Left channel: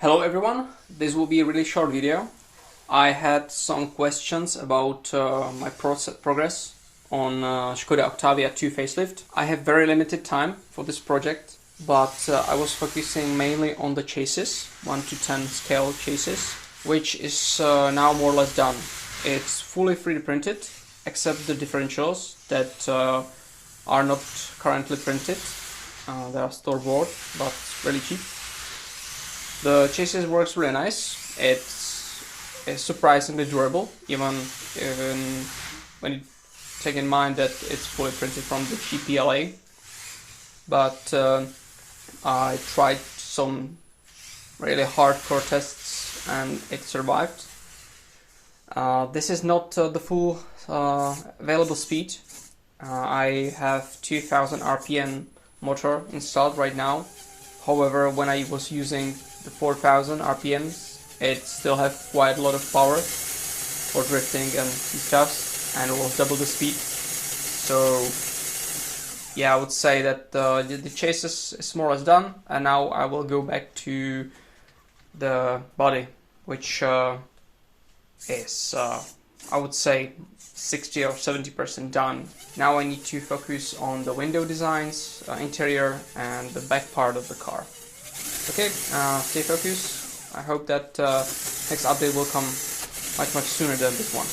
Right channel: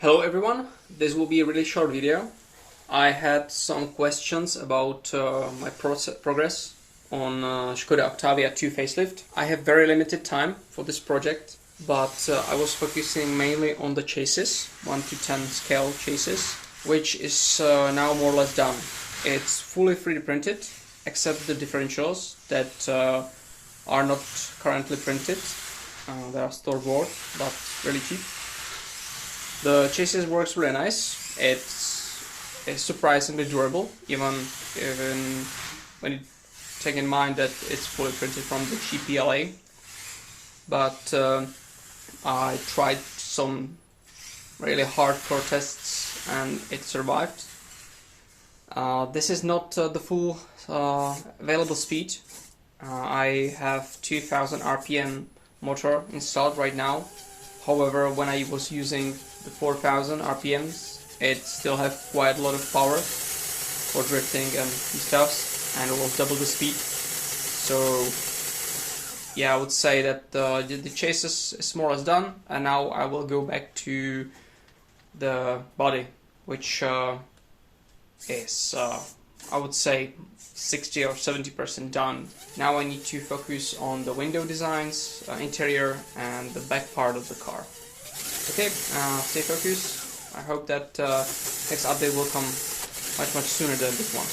Hello everyone, this will be a really short video. I had some questions about my progress on Skoda Octavia II Facelift. I have very limited time for this project, but I was focusing mainly on the chassis, 1 to 10 scale chassis, which is now more or less done. It's fully 3D printed, except the differentials that are not currently printed. They are store-bought, but really cheap. The chassis works really nice. It's surprisingly durable, even when you take in mind that it's fully printed from the GPLA. But I tried some really hardcore tests and it survived. This is not the full available speed. I have 2000 RPM motor installed right now. However, when I was using the 4000 RPM, it still had quite a lot of power for drifting and stuff, and it was double the speed. So yeah, I would say that the chassis is more or less done, and now I will go back to the body, which is I would say 60 or 70% done. Now I need to focus on the window designs, interior, and the back part of the car. Okay, stay focused. I hope that next update will come much sooner than this one.